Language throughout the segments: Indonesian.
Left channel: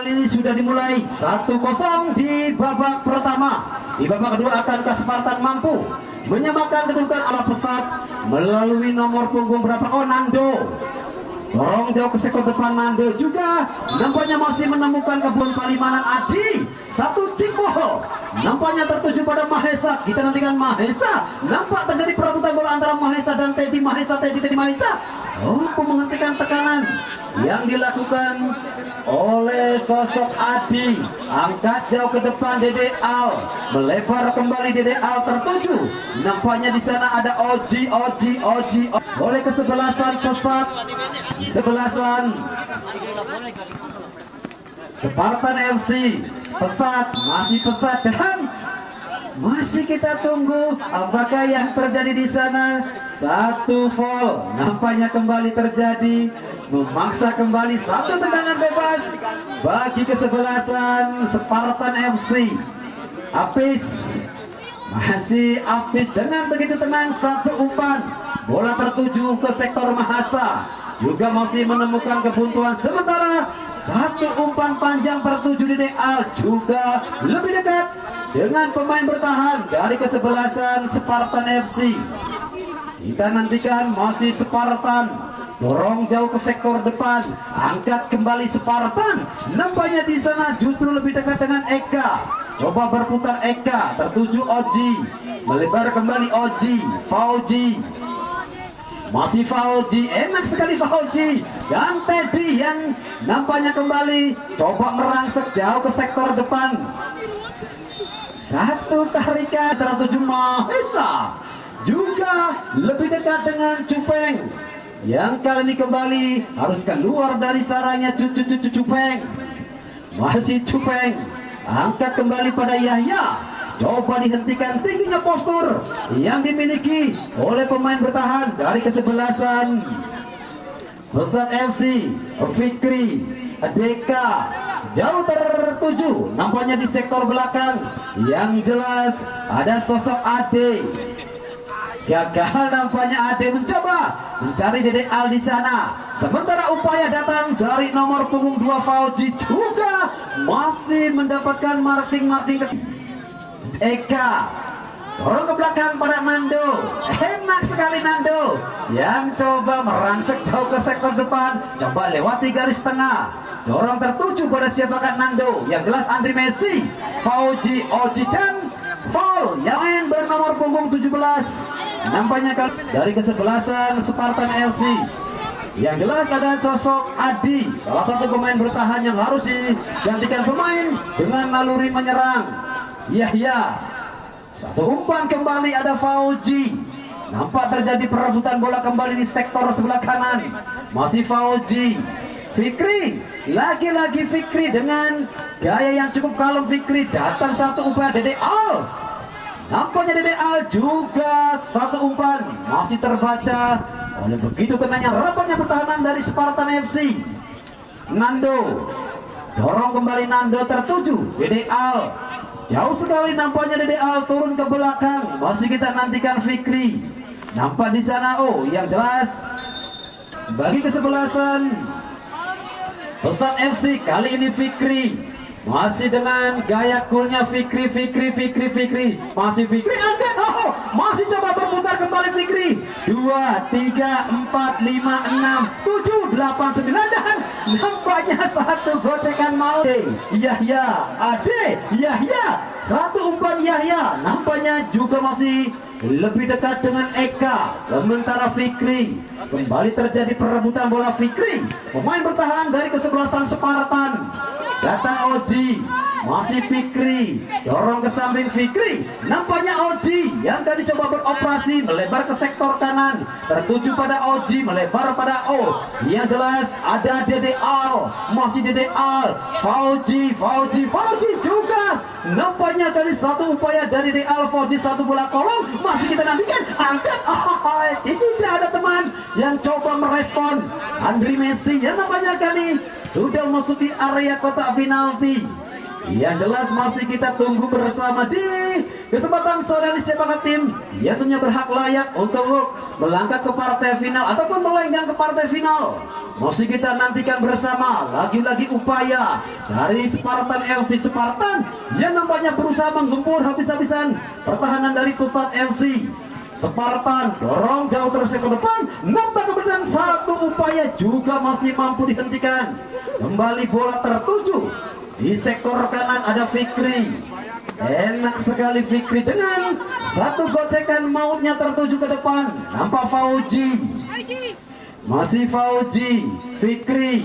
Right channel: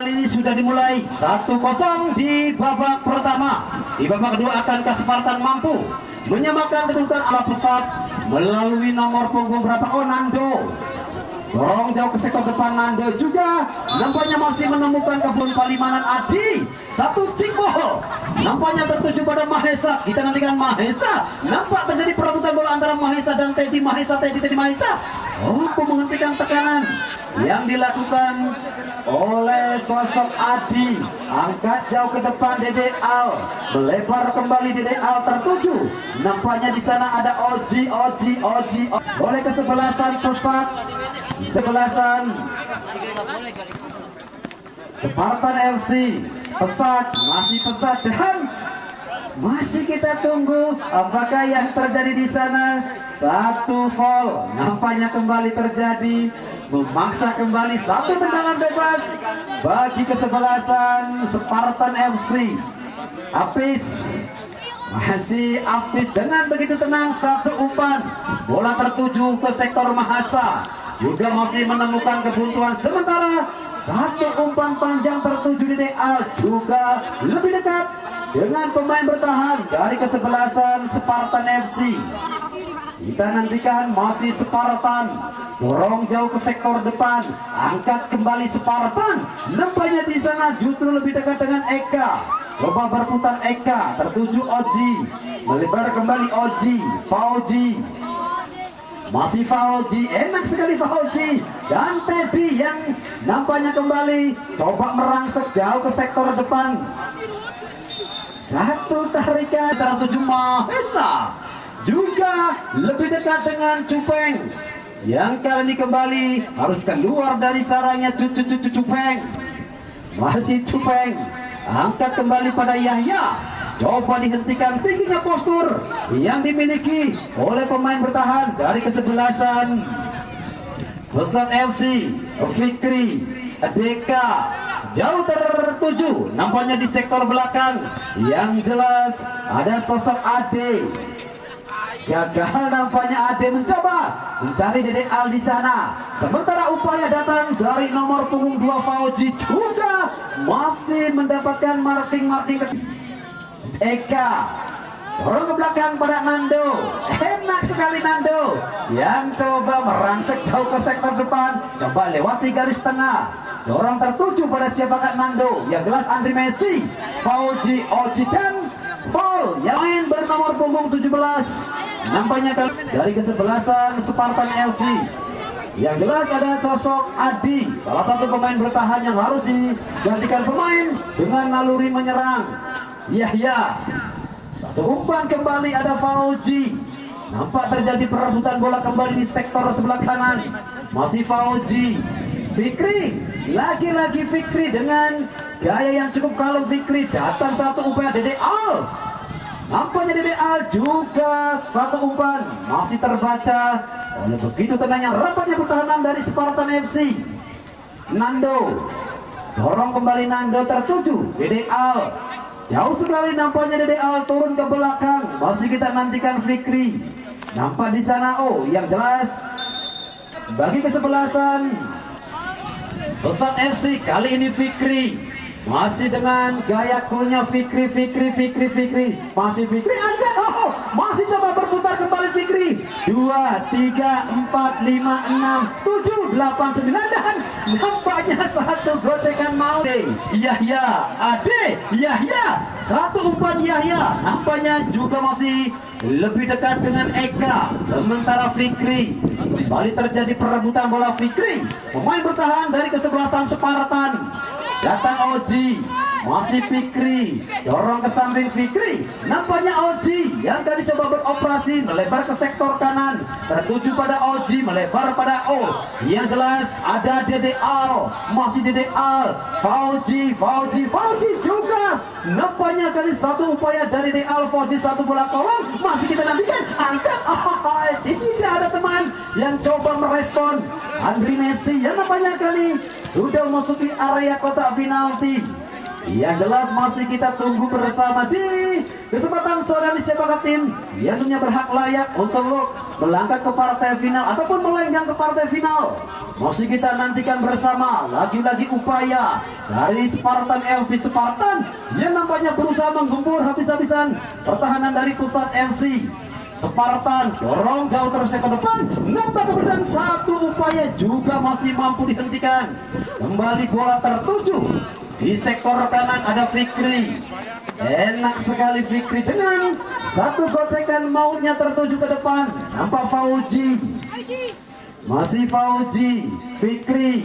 Ini sudah dimulai 1-0 di babak pertama. Di babak kedua akankah Spartan mampu menyamakan kedudukan ala pesat melalui nomor punggung berapa? Oh, Nando. Dorong jauh ke sektor depan. Nando juga nampaknya masih menemukan kebun Palimanan. Adi satu Cingbo nampaknya tertuju pada Mahesa. Kita nantikan Mahesa. Nampak terjadi perebutan bola antara Mahesa dan Teddy Mahesa. Teddy Mahesa untuk menghentikan tekanan yang dilakukan oleh sosok Adi. Angkat jauh ke depan Dede Al, melebar kembali Dede Al tertuju. Nampaknya di sana ada Oji. Oleh kesebelasan pesat, sebelasan Spartan FC. Pesat masih pesat dan masih kita tunggu apakah yang terjadi di sana. Satu foul nampaknya kembali terjadi, memaksa kembali satu tendangan bebas bagi kesebelasan Spartan FC. Apis masih Apis dengan begitu tenang, satu umpan bola tertuju ke sektor Mahasa, juga masih menemukan kebuntuan. Sementara satu umpan panjang tertuju di Deal, juga lebih dekat dengan pemain bertahan dari kesebelasan Spartan FC. Kita nantikan masih Spartan, dorong jauh ke sektor depan, angkat kembali Spartan. Nampaknya di sana justru lebih dekat dengan Eka. Coba berputar Eka, tertuju Oji, melebar kembali Oji, Fauji. Masih Fauji, enak sekali Fauji. Dan Teddy yang nampaknya kembali coba merangsek jauh ke sektor depan. Satu tarikan tertuju Mahesa, juga lebih dekat dengan Cupeng, yang kali ini kembali harus keluar dari sarangnya. Cupeng, masih Cupeng, angkat kembali pada Yahya, coba dihentikan tingginya postur yang dimiliki oleh pemain bertahan dari kesebelasan Pesat FC. Fikri Deka jauh tertuju nampaknya di sektor belakang. Yang jelas ada sosok Ade. Gagal nampaknya Ade mencoba mencari Dede Al di sana. Sementara upaya datang dari nomor punggung 2 Fauji, juga masih mendapatkan marking. Eka dorong ke belakang pada Nando. Enak sekali Nando yang coba merangsek jauh ke sektor depan, coba lewati garis tengah. Dorong tertuju pada siapakah Nando? Yang jelas Andri Messi, Fauji, Oji, dan Paul yang main bernomor punggung 17. Nampaknya dari kesebelasan Spartan FC. Yang jelas ada sosok Adi, salah satu pemain bertahan yang harus digantikan pemain dengan naluri menyerang. Yahya, satu umpan kembali ada Fauji. Nampak terjadi perebutan bola kembali di sektor sebelah kanan. Masih Fauji. Fikri, lagi-lagi Fikri dengan gaya yang cukup kalem. Fikri datang satu umpan Dede Al. Nampaknya Dede Al juga satu umpan, masih terbaca oleh begitu tenangnya rapatnya pertahanan dari Spartan FC. Nando, dorong kembali Nando tertuju Dede Al. Jauh sekali nampaknya Dede Al turun ke belakang. Masih kita nantikan Fikri. Nampak di sana. Oh, yang jelas bagi kesebelasan Pesat FC kali ini Fikri. Masih dengan gaya coolnya Fikri. Masih Fikri angkat. Oh, masih coba berputar kembali Fikri. 2, 3, 4, 5, 6, 7, 8, 9 dan nampaknya satu gocekan mau. Yahya, Ade, Yahya, satu umpan Yahya. Nampaknya juga masih lebih dekat dengan Eka. Sementara Fikri kembali terjadi perebutan bola. Fikri, pemain bertahan dari kesebelasan Spartan. Datang Oji, masih Fikri, dorong ke samping Fikri. Nampaknya Oji yang tadi coba beroperasi melebar ke sektor kanan, tertuju pada Oji, melebar pada O. Yang jelas ada Dede Al, masih Dede Al, Fauji juga. Nampaknya kali satu upaya dari Dede Al, Fauji satu bola kolong. Masih kita nantikan, angkat. Tidak ada teman yang coba merespon. Andri Messi yang nampaknya kali sudah memasuki area kotak penalti. Yang jelas masih kita tunggu bersama di kesempatan sore ini siapakah tim yang tentunya berhak layak untuk melangkah ke partai final ataupun melenggang ke partai final. Masih kita nantikan bersama lagi-lagi upaya dari Spartan FC Spartan yang nampaknya berusaha menggempur habis-habisan pertahanan dari Pesat FC. Spartan dorong jauh terus ke depan, nampak kebetulan satu upaya juga masih mampu dihentikan. Kembali bola tertuju di sektor kanan, ada Fikri. Enak sekali Fikri dengan satu gocekan, mautnya tertuju ke depan. Nampak Fauji, masih Fauji, Fikri,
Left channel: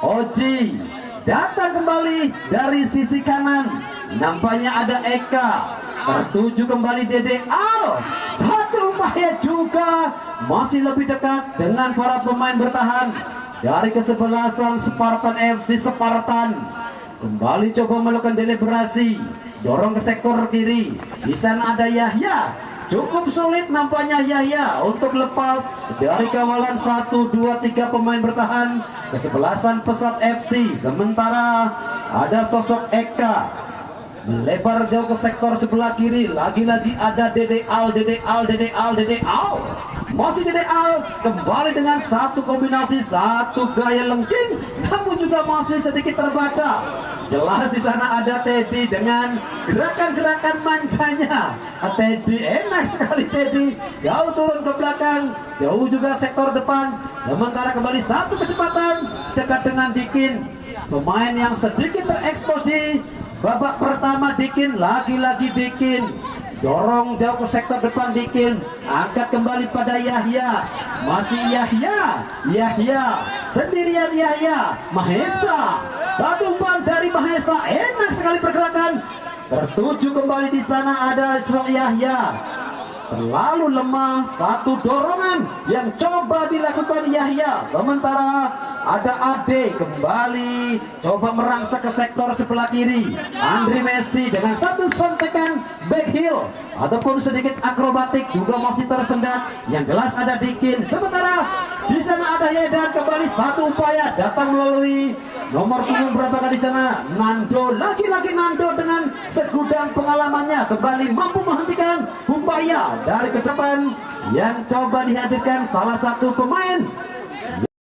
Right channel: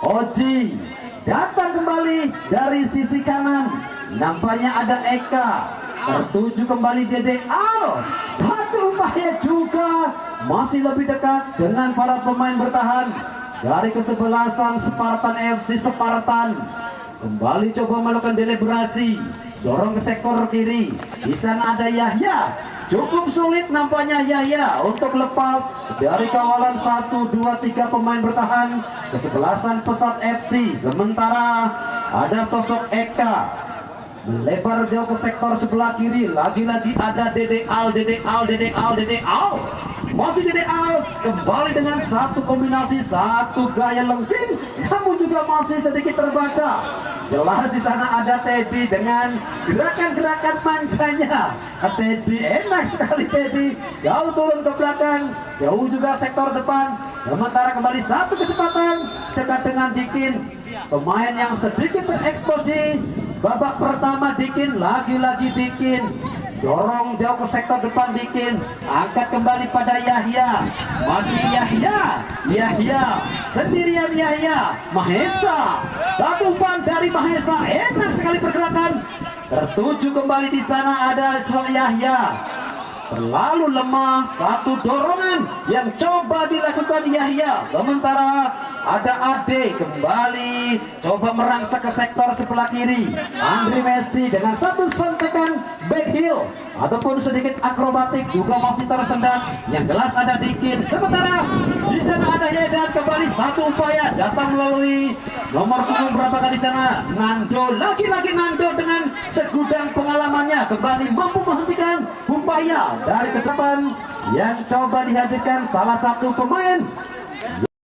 Oji datang kembali dari sisi kanan. Nampaknya ada Eka, tertuju kembali Dede Al. Satu upaya juga masih lebih dekat dengan para pemain bertahan dari kesebelasan Spartan FC Spartan. Kembali coba melakukan deliberasi, dorong ke sektor kiri. Di sana ada Yahya. Cukup sulit nampaknya Yahya untuk lepas dari kawalan 1, 2, 3 pemain bertahan kesebelasan Pesat FC. Sementara ada sosok Eka melebar jauh ke sektor sebelah kiri. Lagi-lagi ada Dede Al, Dede Al, Dede Al, Dede Al. Masih Dede Al kembali dengan satu kombinasi, satu gaya lengking, namun juga masih sedikit terbaca. Jelas di sana ada Teddy dengan gerakan-gerakan mancanya. Teddy enak sekali, Teddy jauh turun ke belakang, jauh juga sektor depan. Sementara kembali satu kecepatan dekat dengan Dikin, pemain yang sedikit terekspos di babak pertama. Dikin, lagi-lagi Dikin dorong jauh ke sektor depan. Dikin angkat kembali pada Yahya, masih Yahya, Yahya sendirian, Yahya, Mahesa, satu umpan dari Mahesa, enak sekali pergerakan, tertuju kembali. Di sana ada Yahya, terlalu lemah, satu dorongan yang coba dilakukan Yahya. Sementara ada Ade kembali coba merangsek ke sektor sebelah kiri. Andri Messi dengan satu sontekan back heel ataupun sedikit akrobatik juga masih tersendat. Yang jelas ada Dikin. Sementara di sana ada Yedan, kembali satu upaya datang melalui nomor punggung berapa di sana, Nando. Lagi-lagi Nando dengan segudang pengalamannya kembali mampu menghentikan upaya dari kesepan yang coba dihadirkan salah satu pemain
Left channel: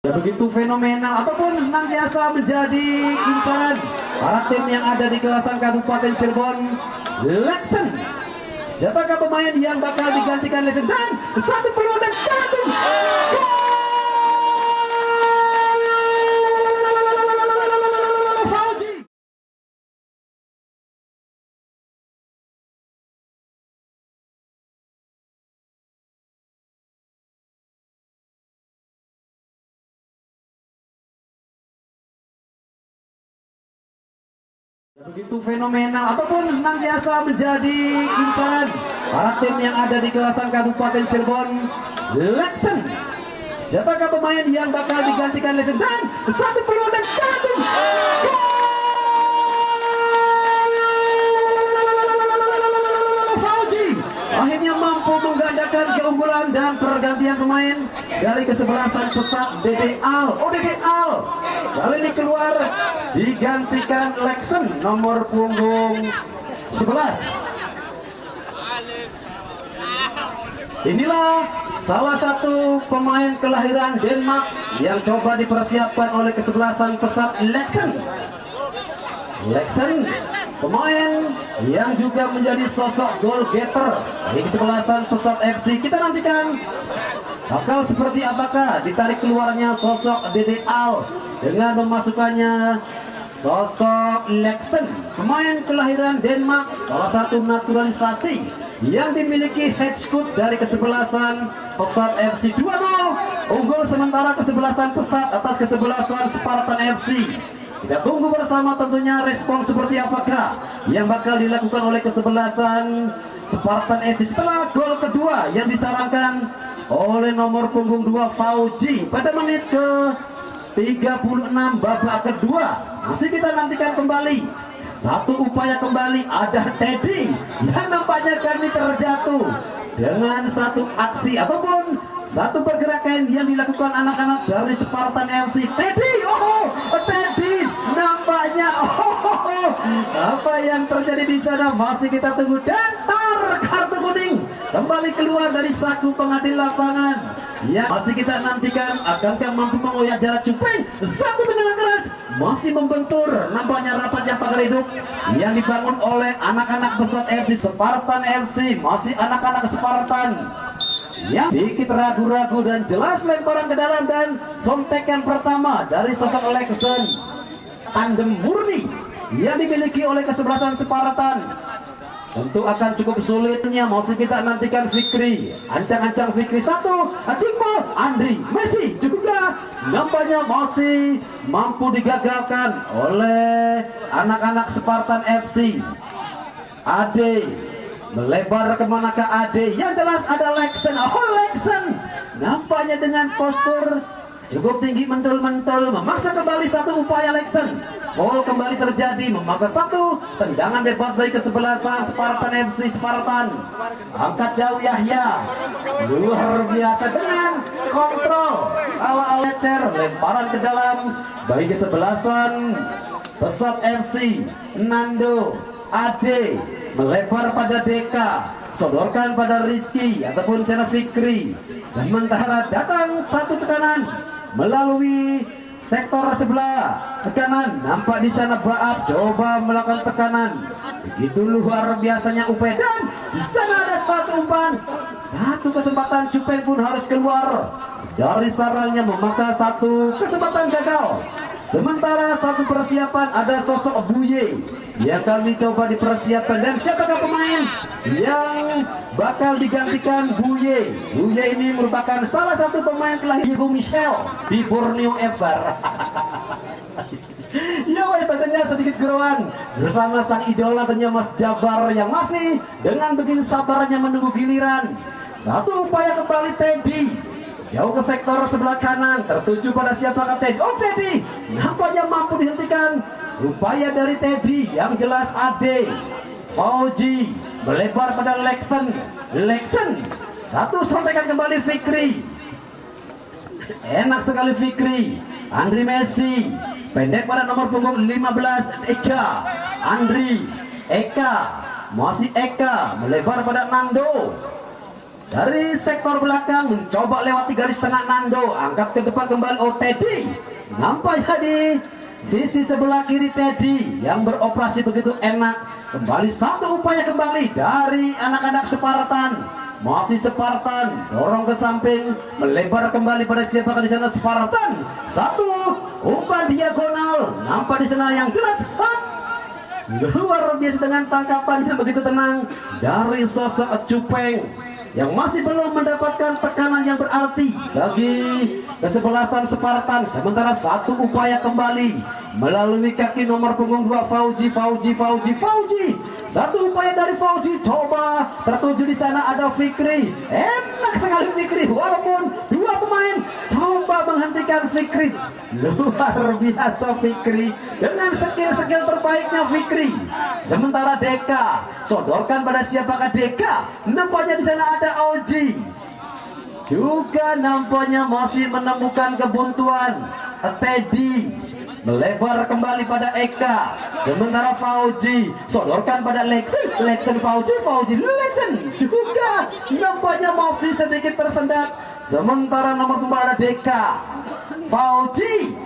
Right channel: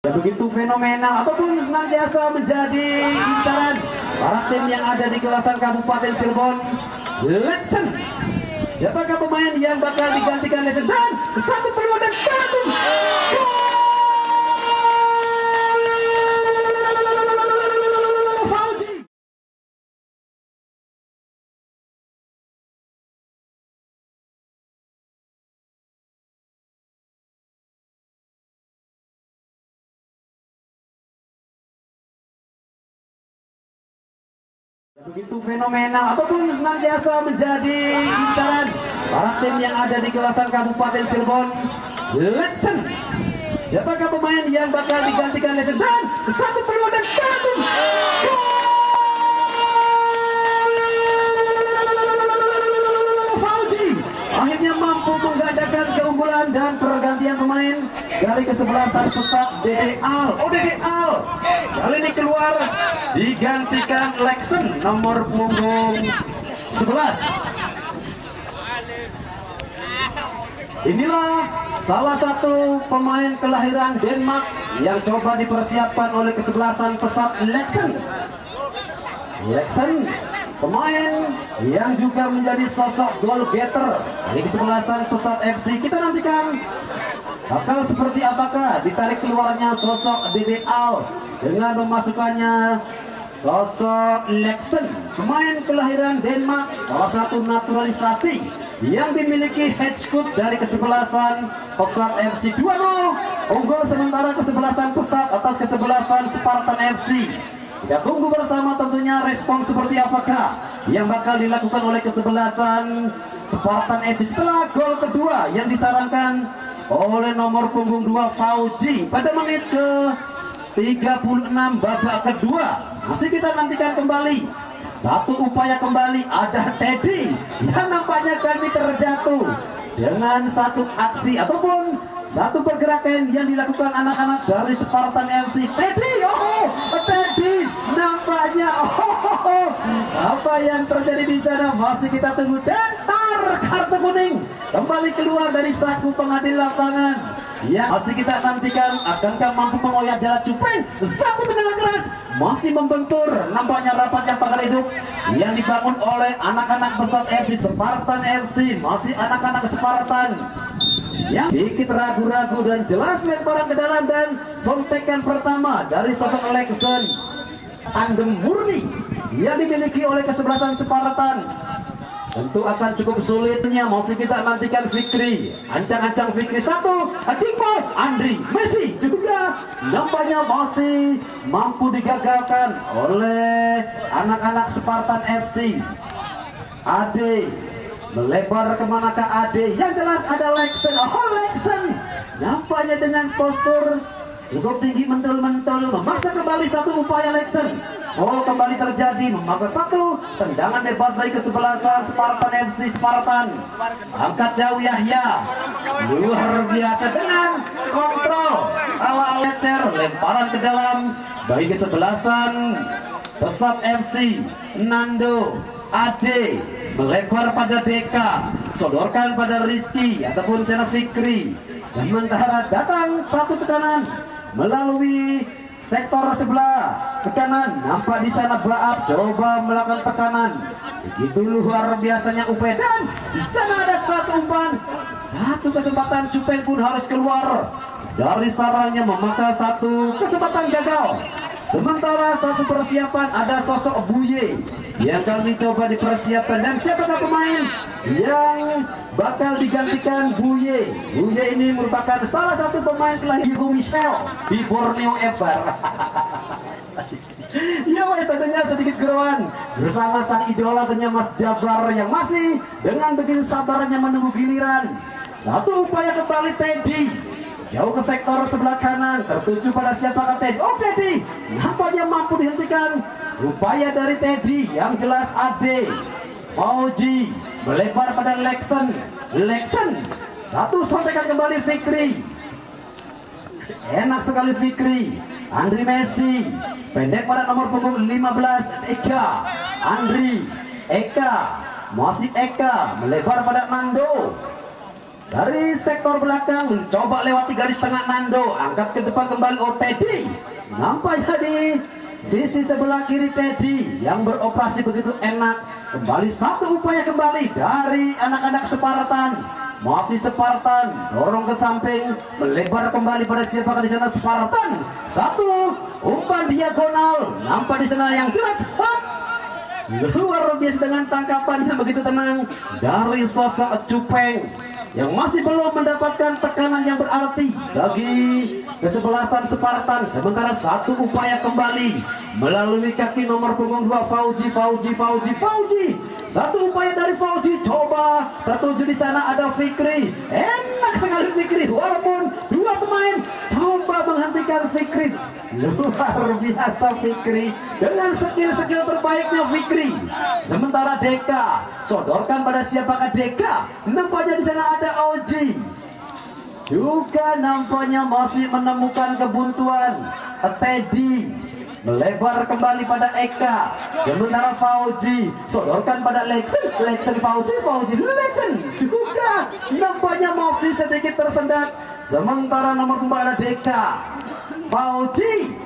yang begitu fenomenal ataupun senantiasa menjadi incaran para tim yang ada di kawasan Kabupaten Cirebon, Lexen. Siapakah pemain yang bakal digantikan Lexen? Dan satu peluang dan satu gol! Fauji. Begitu fenomenal ataupun senantiasa menjadi incaran para tim yang ada di kawasan Kabupaten Cirebon, Lexen. Siapakah pemain yang bakal digantikan Lexen? Dan satu peluang dan satu gol! Fauji akhirnya mampu menggandakan keunggulan dan pergantian pemain dari kesebelasan Pesat. Dede Al, Dede Al kali ini keluar, digantikan Lexen nomor punggung 11. Inilah salah satu pemain kelahiran Denmark yang coba dipersiapkan oleh kesebelasan Pesat Lexen. Lexen pemain yang juga menjadi sosok goal getter dari kesebelasan Pesat FC. Kita nantikan bakal seperti apakah ditarik keluarnya sosok Dede Al dengan memasukkannya sosok Lexen, pemain kelahiran Denmark, salah satu naturalisasi yang dimiliki head coach dari kesebelasan Pesat FC. 2-0 unggul sementara kesebelasan Pesat atas kesebelasan Spartan FC. Kita tunggu bersama tentunya respon seperti apakah yang bakal dilakukan oleh kesebelasan Spartan FC setelah gol kedua yang disarankan oleh nomor punggung 2 Fauji pada menit ke 36 babak kedua. Masih kita nantikan kembali satu upaya kembali, ada Teddy yang nampaknya kali ini terjatuh dengan satu aksi ataupun satu pergerakan yang dilakukan anak-anak dari Spartan FC. Teddy, Teddy nampaknya apa yang terjadi di sana masih kita tunggu. Dan kartu kuning kembali keluar dari saku pengadil lapangan. Ya, masih kita nantikan akankah mampu mengoyak jarak Cupeng. Satu tendangan keras masih membentur. Nampaknya rapatnya pagar hidup yang dibangun oleh anak-anak pesat FC Spartan FC. Masih anak-anak Spartan yang sedikit ragu-ragu dan jelas lemparan ke dalam dan sontekan pertama dari sosok Alexen. Tandem murni yang dimiliki oleh kesebelasan Spartan. Tentu akan cukup sulitnya. Masih kita nantikan Fikri, ancang-ancang Fikri satu, Cimbo, Andri, Messi juga nampaknya masih mampu digagalkan oleh anak-anak Spartan FC. Ade melebar kemanakah Ade? Yang jelas ada Lexen. Oh, Lexen nampaknya dengan postur cukup tinggi mentul-mentul memaksa kembali satu upaya Lexen. Oh, kembali terjadi memaksa satu tendangan bebas bagi kesebelasan Spartan FC Spartan. Angkat jauh Yahya, luar biasa dengan kontrol ala Lecer, lemparan ke dalam bagi kesebelasan pesat FC. Nando Ade melebar pada Deka, sodorkan pada Rizky ataupun Channel Fikri. Sementara datang satu tekanan melalui sektor sebelah tekanan, nampak di sana Baap coba melakukan tekanan. Begitu luar biasanya upaya dan di sana ada satu umpan, satu kesempatan Cupeng pun harus keluar dari sarangnya memaksa satu kesempatan gagal. Sementara satu persiapan ada sosok Buye yang kami coba dipersiapkan. Dan siapakah pemain yang bakal digantikan Buye? Buye ini merupakan salah satu pemain kelahiran Ibu Michelle di Borneo FC. Ya, tentunya sedikit geruan bersama sang idola tentunya Mas Jabar yang masih dengan begitu sabarnya menunggu giliran. Satu upaya kembali Teddy jauh ke sektor sebelah kanan, tertuju pada siapakah Teddy? Oh, Teddy nampaknya mampu dihentikan upaya dari Teddy. Yang jelas Ade Fauji melebar pada Lexen. Lexen satu, sampaikan kembali Fikri. Enak sekali Fikri. Andri Messi pendek pada nomor punggung 15 Eka. Andri Eka, masih Eka melebar pada Nando. Dari sektor belakang mencoba lewati garis tengah Nando, angkat ke depan kembali. Oh, Teddy nampaknya di sisi sebelah kiri Teddy yang beroperasi begitu enak. Kembali satu upaya kembali dari anak-anak Spartan. Masih Spartan dorong ke samping, melebar kembali pada siapakah di sana Spartan. Satu umpan diagonal, nampak di sana yang jelas. Luar biasa dengan tangkapan yang begitu tenang dari sosok Cupeng yang masih belum mendapatkan tekanan yang berarti bagi kesebelasan Spartan. Sementara satu upaya kembali melalui kaki nomor punggung 2 Fauji. Satu upaya dari Fauji, coba tertuju di sana ada Fikri. Enak sekali Fikri, walaupun dua pemain coba menghentikan Fikri. Luar biasa Fikri dengan skill-skill terbaiknya Fikri. Sementara Deka sodorkan pada siapakah Deka? Nampaknya di sana ada Oji. Juga nampaknya masih menemukan kebuntuan. Teddy melebar kembali pada Eka. Sementara Fauji sodorkan pada Lexen. Fauji Lexen juga nampaknya masih sedikit tersendat. Sementara nomor punggung ada Deka. Fauji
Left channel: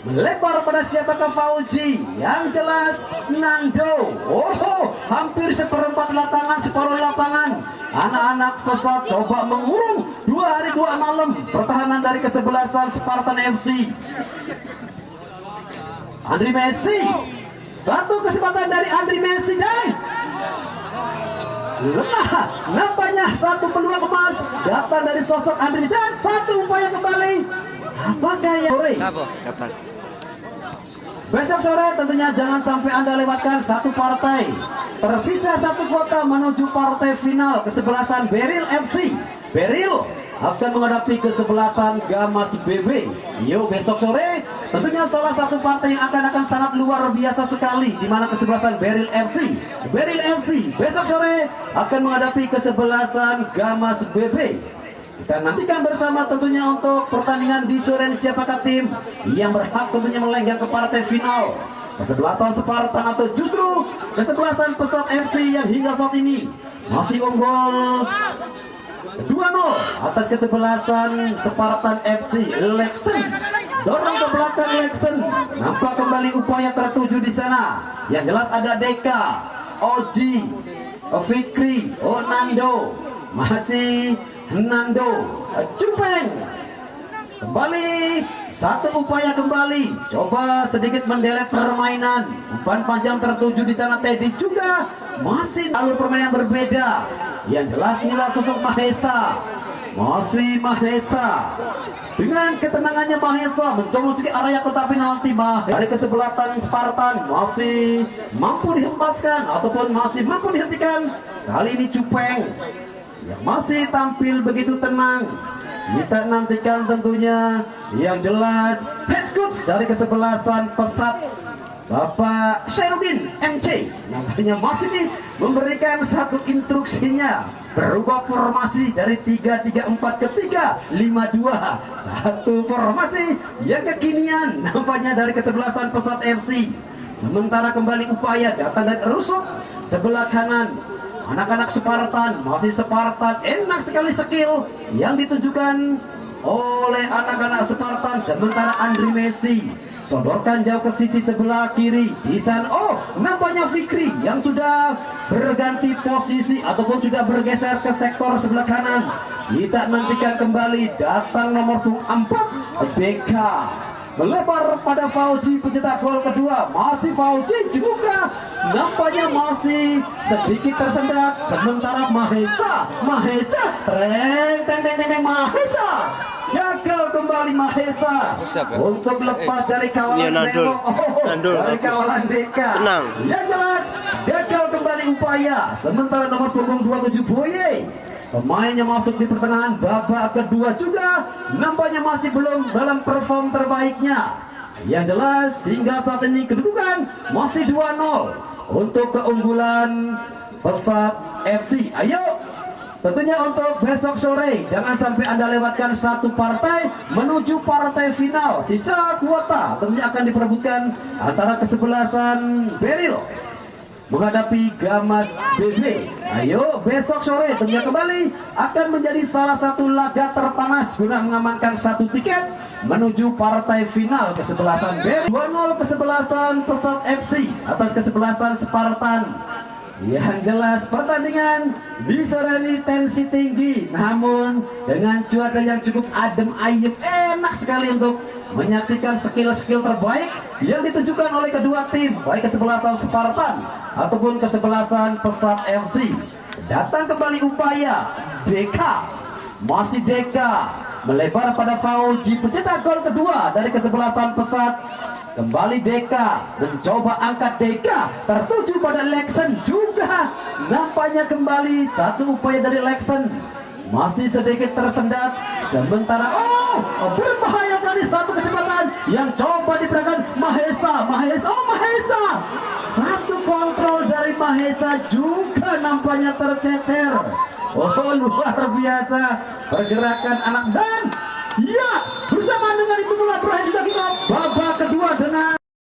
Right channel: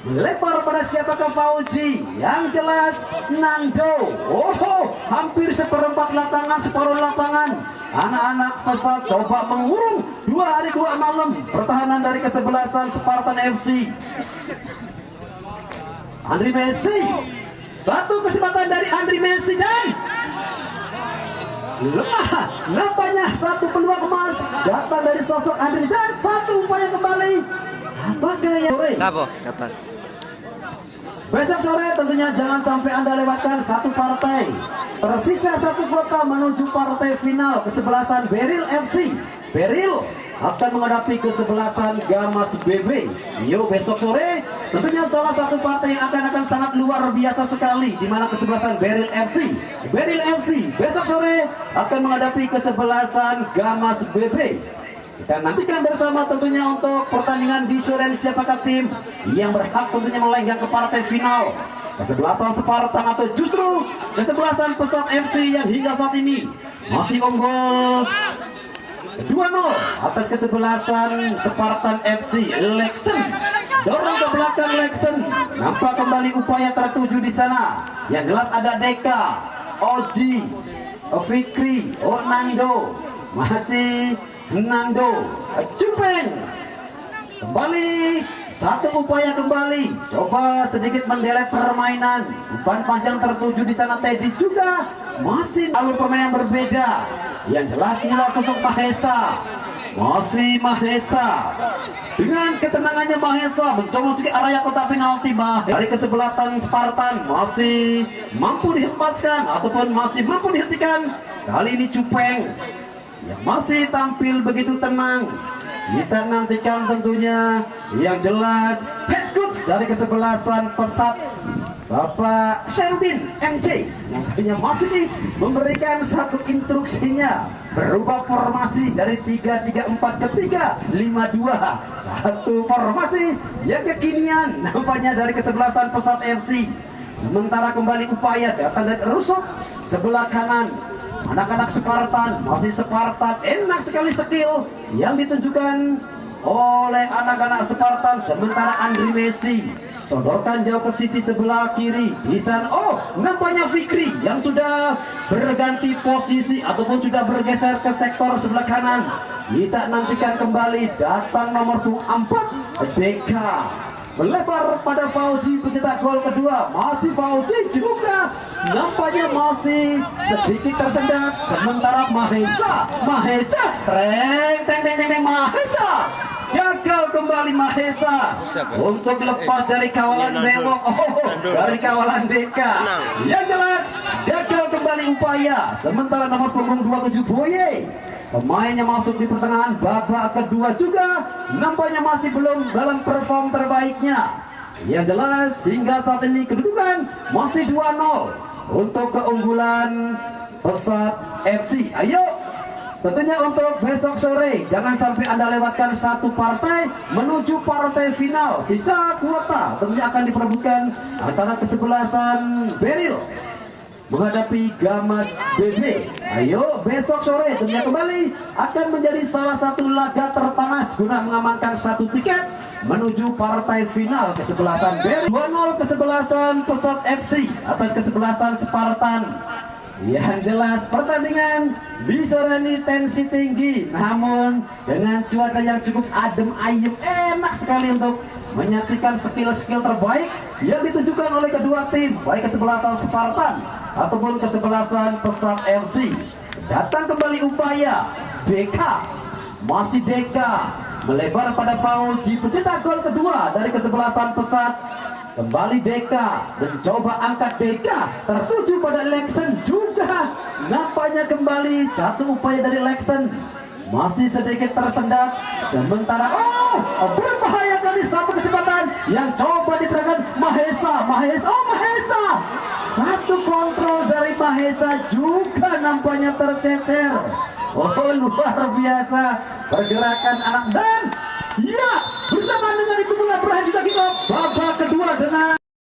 melebar pada siapakah Fauji? Yang jelas Nando. Oh, hampir seperempat lapangan, separuh lapangan. Anak-anak pesat coba mengurung 2 hari 2 malam pertahanan dari kesebelasan Spartan FC. Andri Messi, satu kesempatan dari Andri Messi dan lemah. Nampaknya satu peluang emas datang dari sosok Andri dan satu upaya kembali. Apakah yang sore? Kapan? Besok sore tentunya jangan sampai Anda lewatkan satu partai. Tersisa satu kota menuju partai final kesebelasan Beril FC. Beril akan menghadapi kesebelasan Gamas BB. Yo, besok sore tentunya salah satu partai yang akan sangat luar biasa sekali, di mana kesebelasan Beril FC. Beril FC besok sore akan menghadapi kesebelasan Gamas BB. Kita nantikan bersama tentunya untuk pertandingan di sore ini siapakah tim yang berhak tentunya melenggang ke partai final. Kesebelasan Spartan atau justru kesebelasan Pesat FC yang hingga saat ini masih unggul 2-0 atas kesebelasan Spartan FC. Lexen dorong ke belakang Lexen. Nampak kembali upaya tertuju di sana. Yang jelas ada Deka, Oji, Fikri, Nando, masih Nando, Cupeng. Kembali satu upaya kembali, coba sedikit menderek permainan. Umpan panjang tertuju di sana. Teddy juga masih alur permainan yang berbeda. Yang jelas inilah sosok Mahesa. Masih Mahesa dengan ketenangannya. Mahesa mencoba memasuki area kotak penalti. Dari kesebelasan Spartan masih mampu dihempaskan ataupun masih mampu dihentikan. Kali ini Cupeng yang masih tampil begitu tenang. Kita nantikan tentunya yang jelas head coach dari kesebelasan Pesat, Bapak Sherudin MC, yang masih memberikan satu instruksinya berubah formasi dari 3-3-4 ke 3-5-2. Satu formasi yang kekinian nampaknya dari kesebelasan Pesat FC. Sementara kembali upaya datang dari rusuk sebelah kanan. Anak-anak Spartan, masih Spartan, enak sekali skill yang ditunjukkan oleh anak-anak Spartan. Sementara Andri Messi sodorkan jauh ke sisi sebelah kiri. Di sana, nampaknya Fikri yang sudah berganti posisi ataupun sudah bergeser ke sektor sebelah kanan. Kita nantikan kembali datang nomor 4 Deka. Melebar pada Fauji pencetak gol kedua. Masih Fauji juga nampaknya masih sedikit tersendat. Sementara Mahesa Mahesa gagal kembali Mahesa untuk lepas dari kawalan bewok. Dari kawalan Deka. Yang jelas gagal kembali upaya. Sementara nomor punggung 27 Boye, pemain yang masuk di pertengahan babak kedua juga nampaknya masih belum dalam perform terbaiknya. Yang jelas hingga saat ini kedudukan masih 2-0 untuk keunggulan Pesat FC. Ayo tentunya untuk besok sore jangan sampai Anda lewatkan satu partai menuju partai final. Sisa kuota tentunya akan diperebutkan antara kesebelasan Beril menghadapi Gamas BB. Ayo besok sore tentunya kembali akan menjadi salah satu laga terpanas guna mengamankan satu tiket menuju partai final kesebelasan BB. 2-0 kesebelasan Pesat FC atas kesebelasan Spartan. Yang jelas pertandingan di sore ini tensi tinggi, namun dengan cuaca yang cukup adem ayem, enak sekali untuk menyaksikan skill-skill terbaik yang ditunjukkan oleh kedua tim, baik kesebelasan Spartan ataupun kesebelasan Pesat FC. Datang kembali upaya Deka, masih Deka melebar pada Fauji pencetak gol kedua dari kesebelasan Pesat. Kembali Deka mencoba angkat. Deka tertuju pada Lexen juga nampaknya kembali satu upaya dari Lexen masih sedikit tersendat. Sementara berbahaya kali satu kecepatan yang coba diperagakan Mahesa. Satu kontrol dari Mahesa juga nampaknya tercecer. Luar biasa pergerakan anak dan ya bersama dengan itu pula berakhir juga kita babak kedua dengan